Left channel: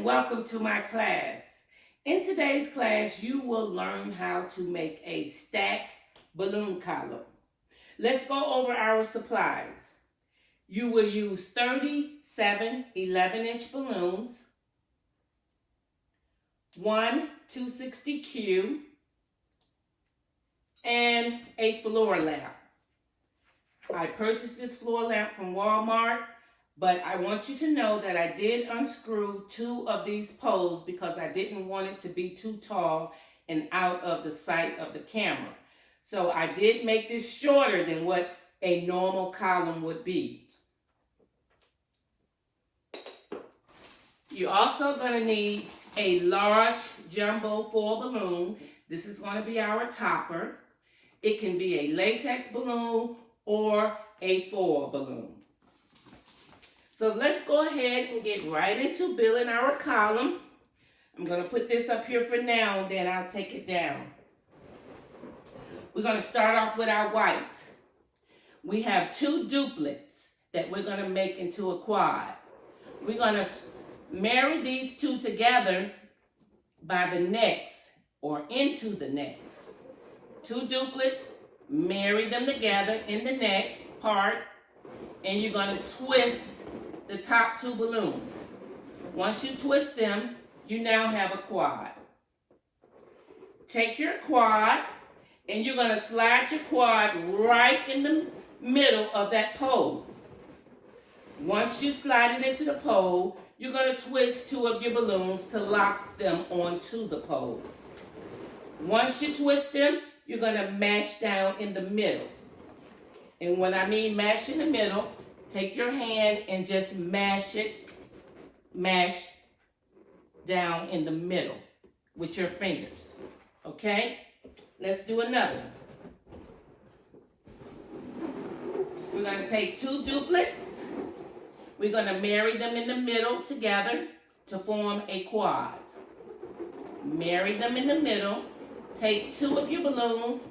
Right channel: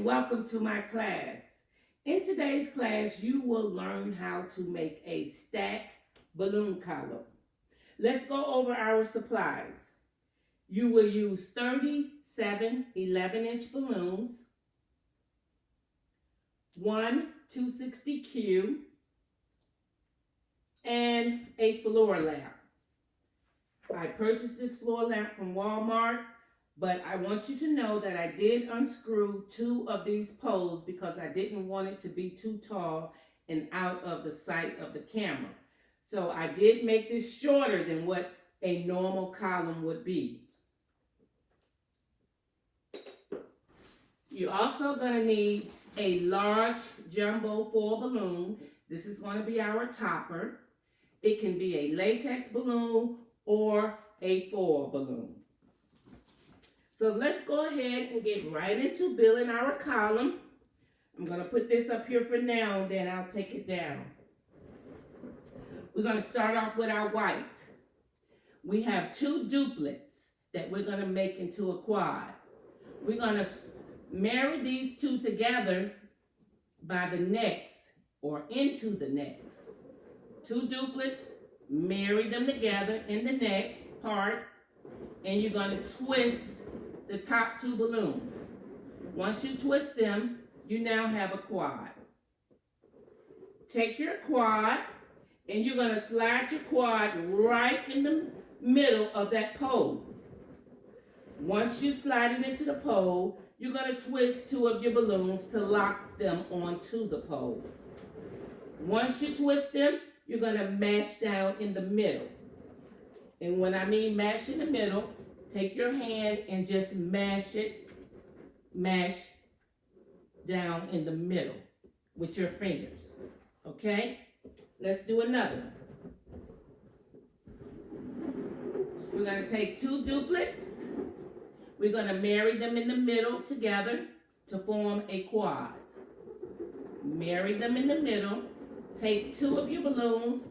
and welcome to my class. In today's class, you will learn how to make a stack balloon column. Let's go over our supplies. You will use 37 11-inch balloons, one 260Q, and a floor lamp. I purchased this floor lamp from Walmart, but I want you to know that I did unscrew two of these poles because I didn't want it to be too tall and out of the sight of the camera. So I did make this shorter than what a normal column would be. You're also going to need a large jumbo foil balloon. This is going to be our topper. It can be a latex balloon or a foil balloon. So let's go ahead and get right into building our column. I'm going to put this up here for now, and then I'll take it down. We're going to start off with our white. We have two duplets that we're going to make into a quad. We're going to marry these two together by the necks or into the necks. Two duplets, marry them together in the neck part, and you're going to twist the top two balloons. Once you twist them, you now have a quad. Take your quad and you're going to slide your quad right in the middle of that pole. Once you slide it into the pole, you're going to twist two of your balloons to lock them onto the pole. Once you twist them, you're going to mash down in the middle. And when I mean mash in the middle, take your hand and just mash down in the middle with your fingers. Okay? Let's do another. We're going to take two duplets. We're going to marry them in the middle together to form a quad. Marry them in the middle. Take two of your balloons,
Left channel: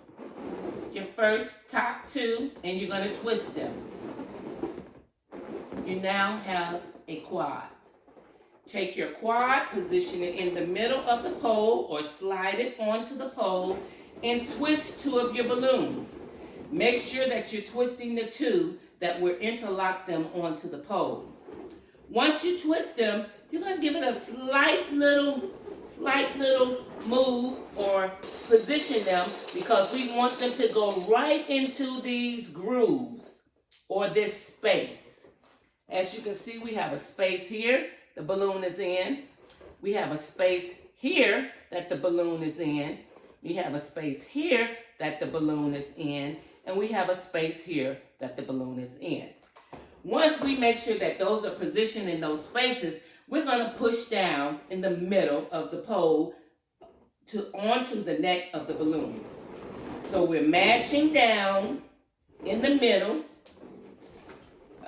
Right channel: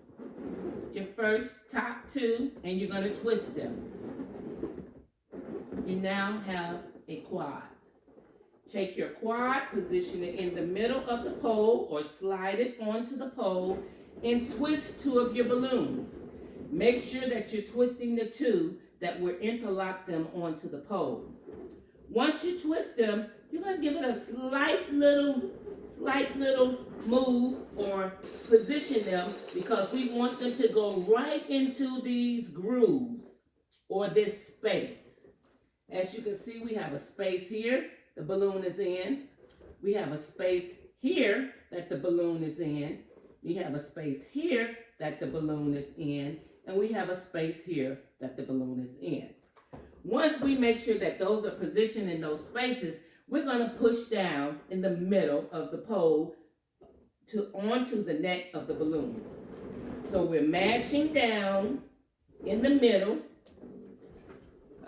your first top two, and you're going to twist them. You now have a quad. Take your quad, position it in the middle of the pole or slide it onto the pole and twist two of your balloons. Make sure that you're twisting the two that will interlock them onto the pole. Once you twist them, you're going to give it a slight little move or position them because we want them to go right into these grooves or this space. As you can see, we have a space here the balloon is in. We have a space here that the balloon is in. We have a space here that the balloon is in. And we have a space here that the balloon is in. Once we make sure that those are positioned in those spaces, we're going to push down in the middle of the pole onto the neck of the balloons. So we're mashing down in the middle.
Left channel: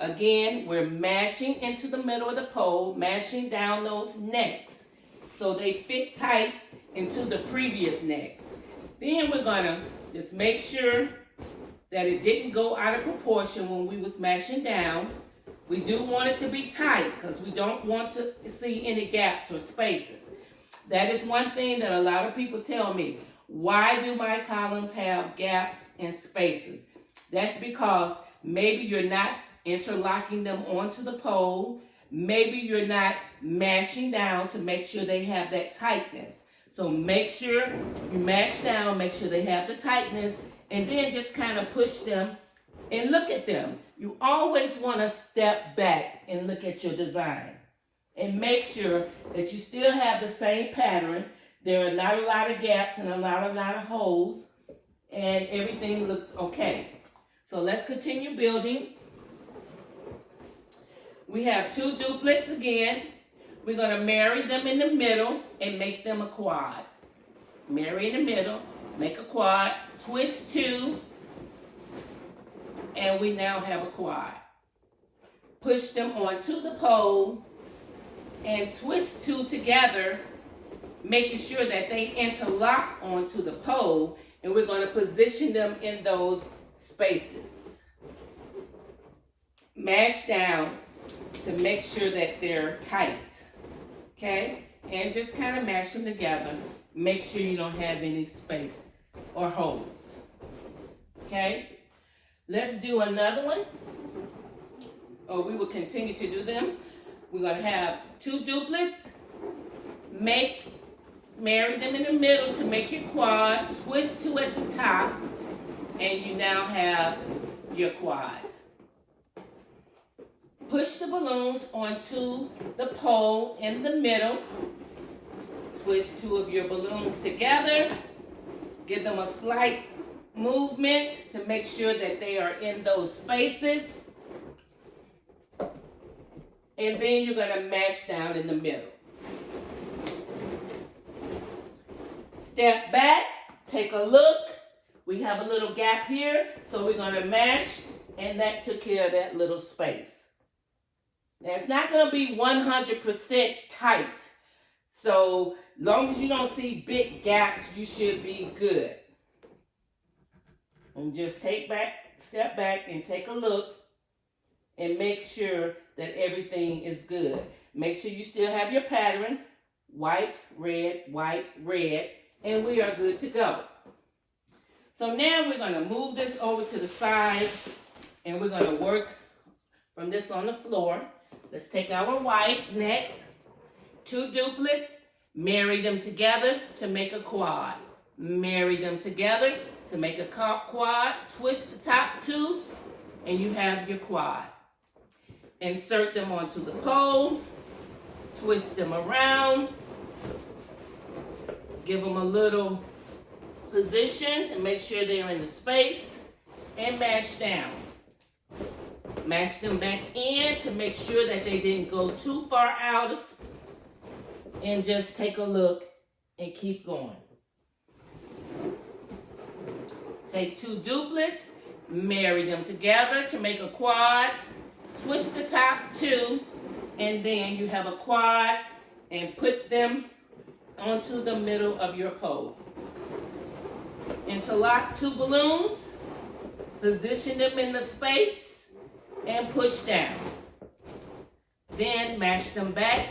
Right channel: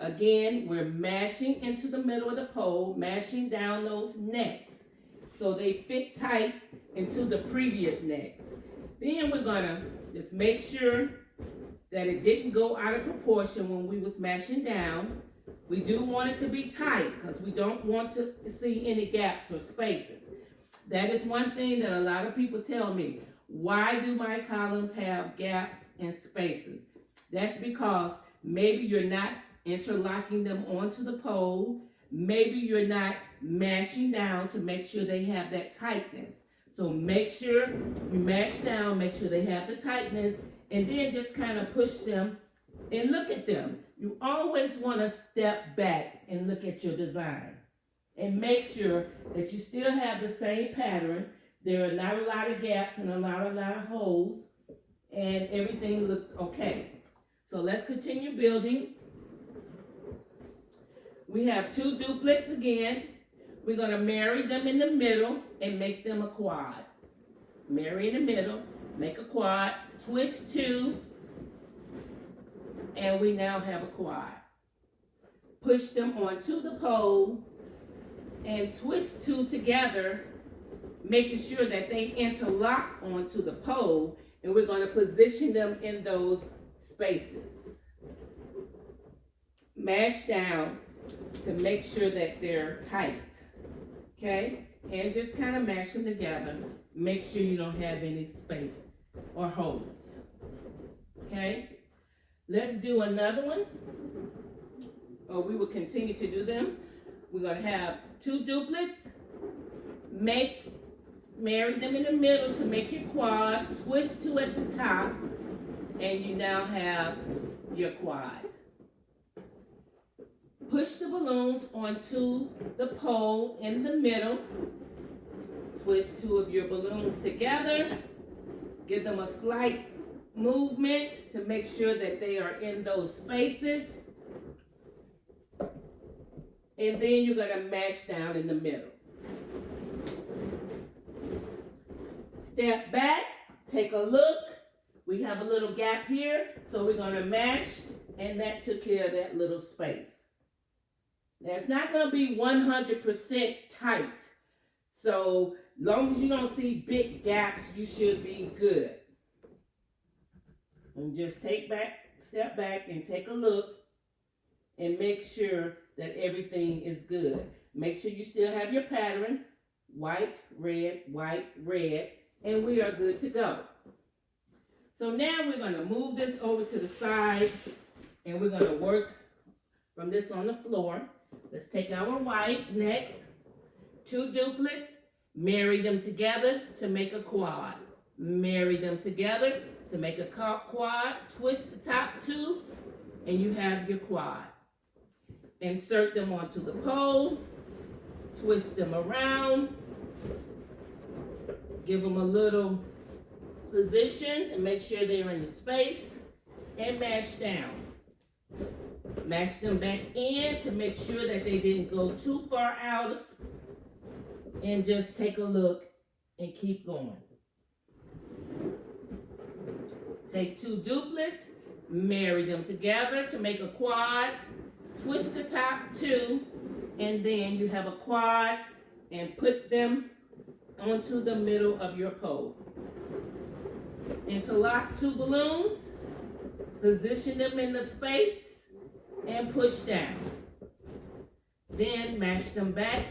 Again, we're mashing into the middle of the pole, mashing down those necks so they fit tight into the previous necks. Then we're going to just make sure that it didn't go out of proportion when we was mashing down. We do want it to be tight because we don't want to see any gaps or spaces. That is one thing that a lot of people tell me. Why do my columns have gaps and spaces? That's because maybe you're not interlocking them onto the pole. Maybe you're not mashing down to make sure they have that tightness. So make sure you mash down, make sure they have the tightness, and then just kind of push them and look at them. You always want to step back and look at your design and make sure that you still have the same pattern. There are not a lot of gaps and a lot of holes, and everything looks okay. So let's continue building. We have two duplets again. We're going to marry them in the middle and make them a quad. Marry in the middle, make a quad, twist two, and we now have a quad. Push them onto the pole and twist two together, making sure that they interlock onto the pole, and we're going to position them in those spaces. Mash down to make sure that they're tight. okay? And just kind of mash them together. Make sure you don't have any space or holes, okay? Let's do another one, or we will continue to do them. We're gonna have 2 duplets, marry them in the middle to make your quad, twist 2 at the top, and you now have your quad. Push the balloons onto the pole in the middle. Twist 2 of your balloons together. Give them a slight movement to make sure that they are in those spaces. And then you're going to mash down in the middle. Step back, take a look. We have a little gap here, so we're going to mash, and that took care of that little space. Now, it's not going to be 100% tight, so long as you don't see big gaps, you should be good. And just step back and take a look and make sure that everything is good. Make sure you still have your pattern, white, red, and we are good to go. So now we're going to move this over to the side, and we're going to work from this on the floor. Let's take our white next. 2 duplets, marry them together to make a quad. Marry them together to make a quad. Twist the top 2, and you have your quad. Insert them onto the pole. Twist them around. Give them a little position and make sure they're in the space, and mash down. Mash them back in to make sure that they didn't go too far out of, and just take a look and keep going. Take 2 duplets, marry them together to make a quad, twist the top 2, and then you have a quad, and put them onto the middle of your pole. Interlock 2 balloons, position them in the space, and push down. Then mash them back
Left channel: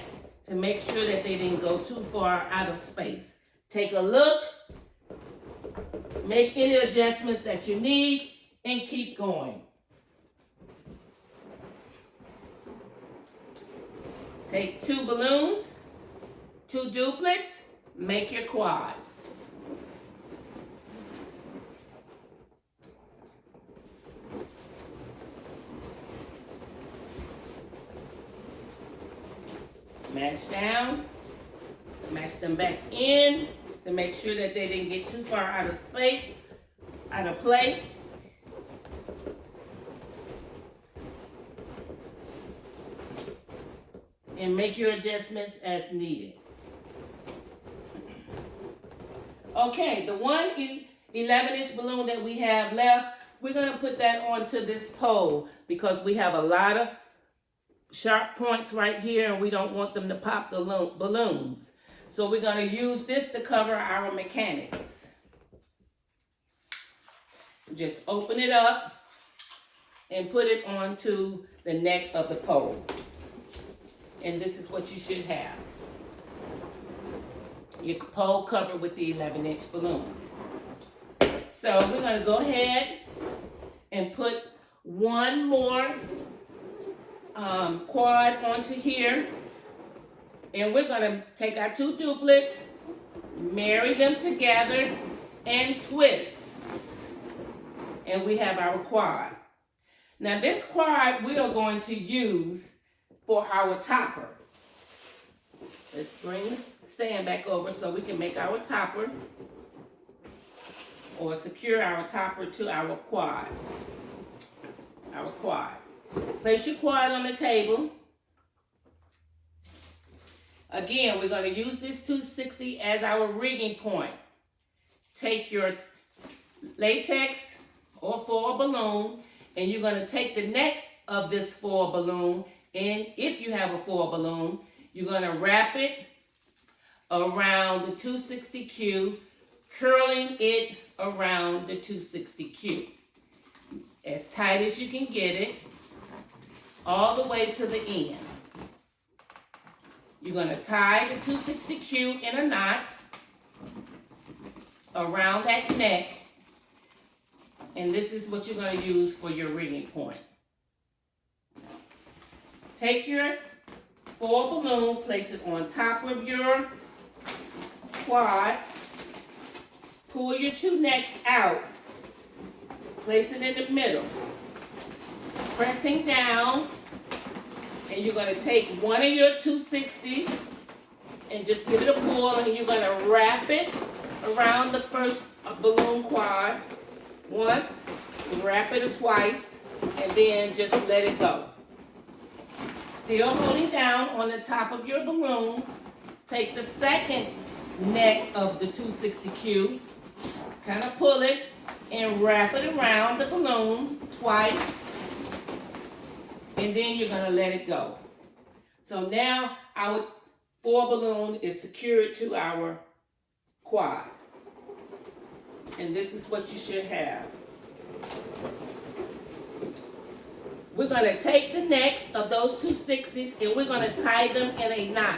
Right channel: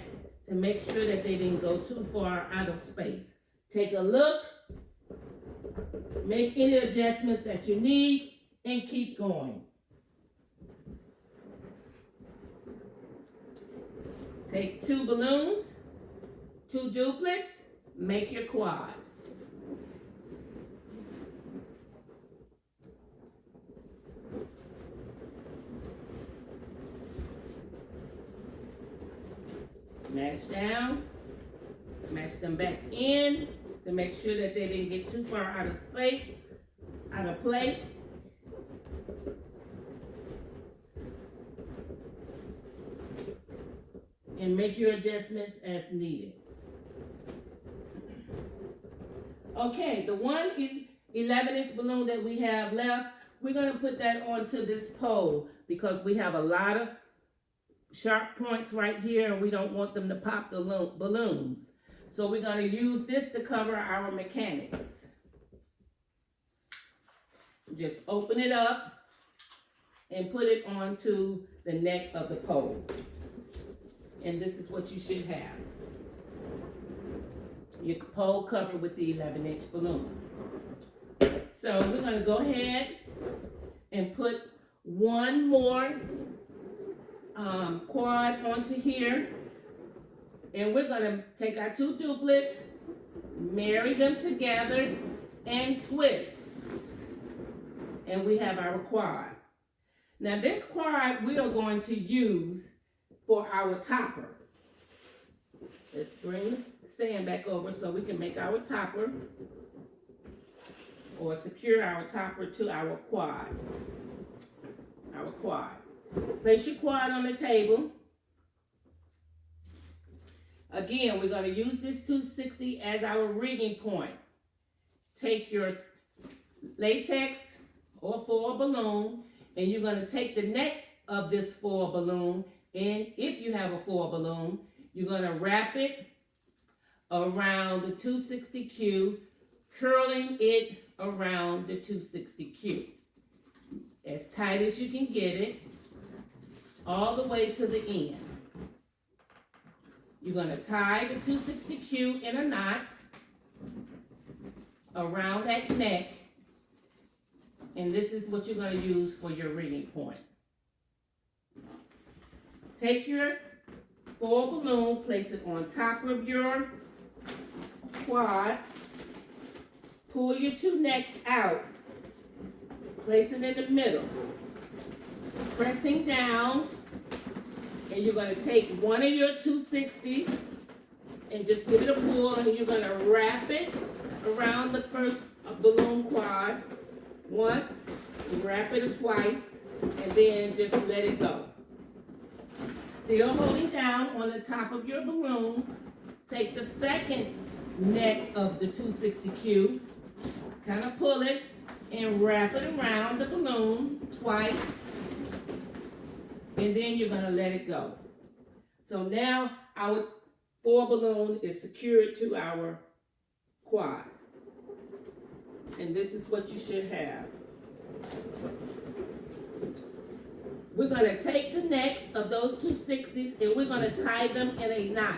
to make sure that they didn't go too far out of space. Take a look, make any adjustments that you need, and keep going. Take 2 balloons, 2 duplets, make your quad. Mash down, mash them back in to make sure that they didn't get too far out of space, out of place. And make your adjustments as needed. Okay, the 1 11-inch balloon that we have left, we're gonna put that onto this pole because we have a lot of sharp points right here, and we don't want them to pop the balloons. So we're going to use this to cover our mechanics. Just open it up and put it onto the neck of the pole. And this is what you should have. Your pole covered with the 11-inch balloon. So we're going to go ahead and put one more quad onto here, and we're going to take our 2 duplets, marry them together, and twist, and we have our quad. Now this quad we are going to use for our topper. Let's bring the stand back over so we can make our topper, or secure our topper to our quad. Our quad. Place your quad on the table. Again, we're going to use this 260 as our rigging point. Take your latex or foil balloon, and you're going to take the neck of this foil balloon, and if you have a foil balloon, you're going to wrap it around the 260Q, curling it around the 260Q. As tight as you can get it, all the way to the end. You're going to tie the 260Q in a knot around that neck. And this is what you're going to use for your rigging point. Take your 4 balloon, place it on top of your quad. Pull your 2 necks out. Place it in the middle. Pressing down. And you're going to take one of your 260s and just give it a pull, and you're going to wrap it around the first balloon quad once, wrap it twice, and then just let it go. Still holding down on the top of your balloon. Take the second neck of the 260Q, kind of pull it and wrap it around the balloon twice, and then you're going to let it go. So now our 4 balloon is secured to our quad. And this is what you should have. We're going to take the necks of those 260s and we're going to tie them in a knot.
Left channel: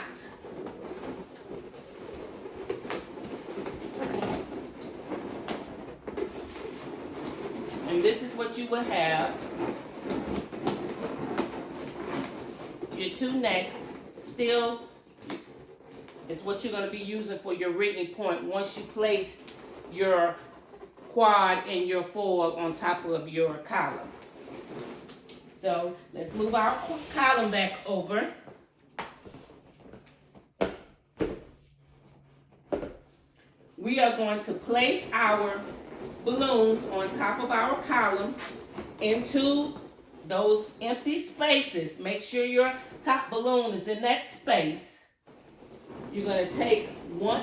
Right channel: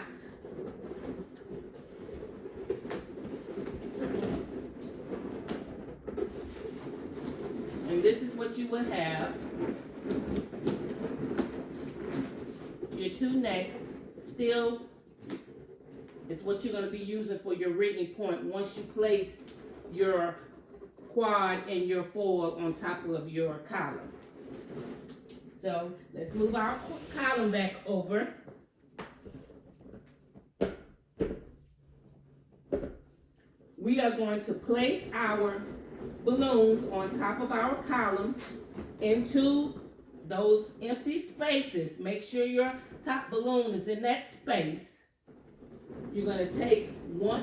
And this is what you will have. Your 2 necks still is what you're going to be using for your rigging point once you place your quad and your foil on top of your column. So let's move our column back over. We are going to place our balloons on top of our column into those empty spaces. Make sure your top balloon is in that space. You're going to take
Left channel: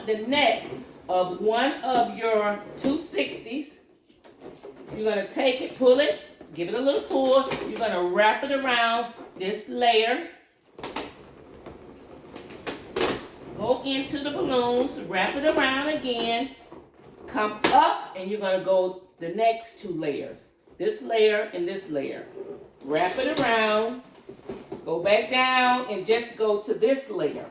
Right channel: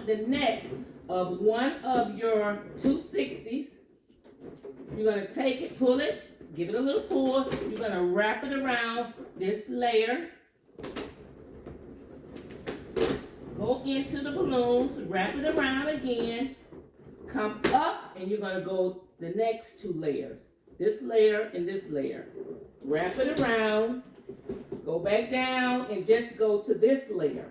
the neck of one of your 260s. You're going to take it, pull it, give it a little pull. You're going to wrap it around this layer. Go into the balloons, wrap it around again. Come up, and you're going to go the next 2 layers. This layer and this layer. Wrap it around. Go back down and just go to this layer.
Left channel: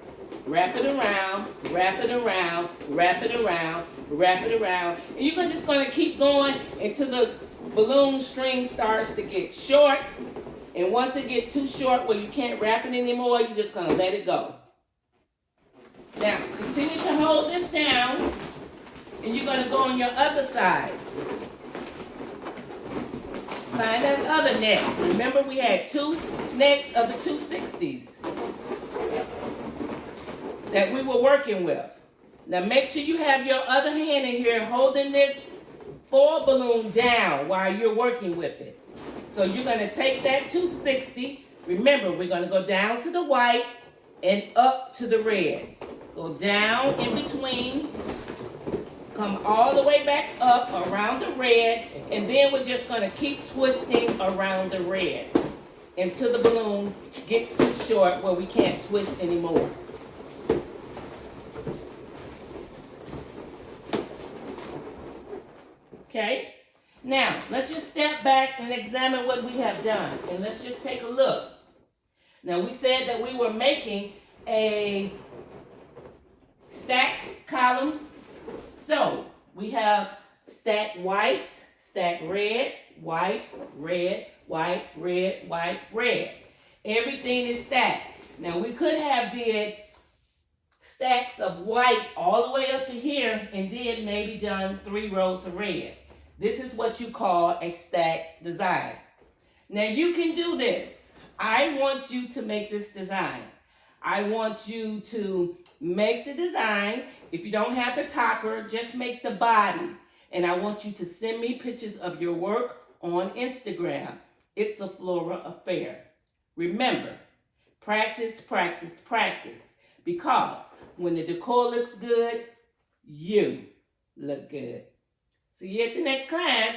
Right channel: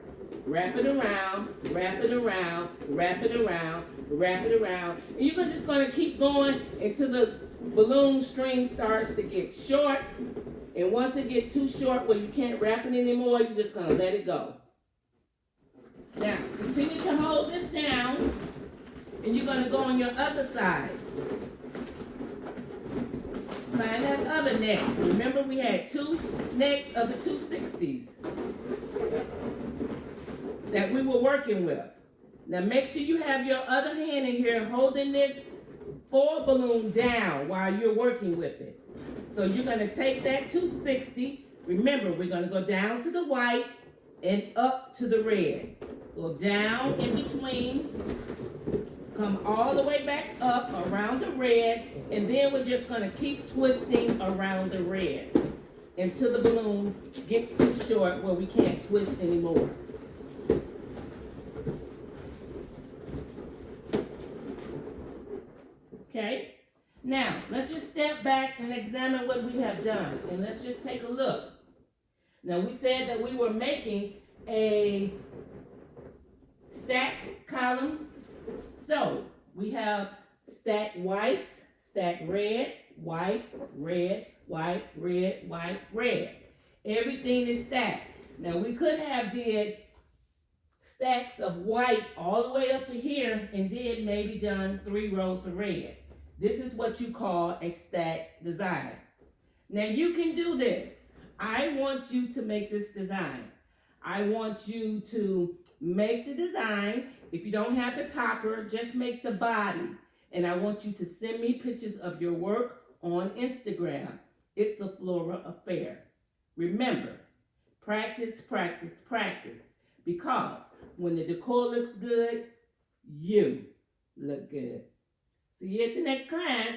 Wrap it around, wrap it around, wrap it around, wrap it around. And you're just going to keep going until the balloon string starts to get short. And once it gets too short where you can't wrap it anymore, you're just going to let it go. Now, continue to hold this down. And you're going to go on your other side. Find that other neck. Remember, we had 2 necks of the 260s that we were working with. Now make sure you have your other hand in here holding this 4 balloon down while you're working with it. So you're going to take that 260. Remember, we're going to go down to the white and up to the red. Go down in between. Come all the way back up around the red, and then we're just going to keep twisting around the red until the balloon gets too short where we can't twist anymore. Okay? Now, let's just step back and examine what we have done, and let's just take a look. Now, we said that we were making a stack column. So, we have stack white, stack red, white, red, white, red, white, red. Everything is stacked. Now, we could have did stacks of white all the way up to here and then maybe done 3 rows of red. This is what you call a stack design. Now, you can do this. I want you to make this design. I want you to make the design. If you don't have the topper, just make the body. And I want you to send me pictures of your work on Instagram. It's a Flora Affair. Remember, practice, practice, practice. Because when the decor looks good, you look good. See you at the next class.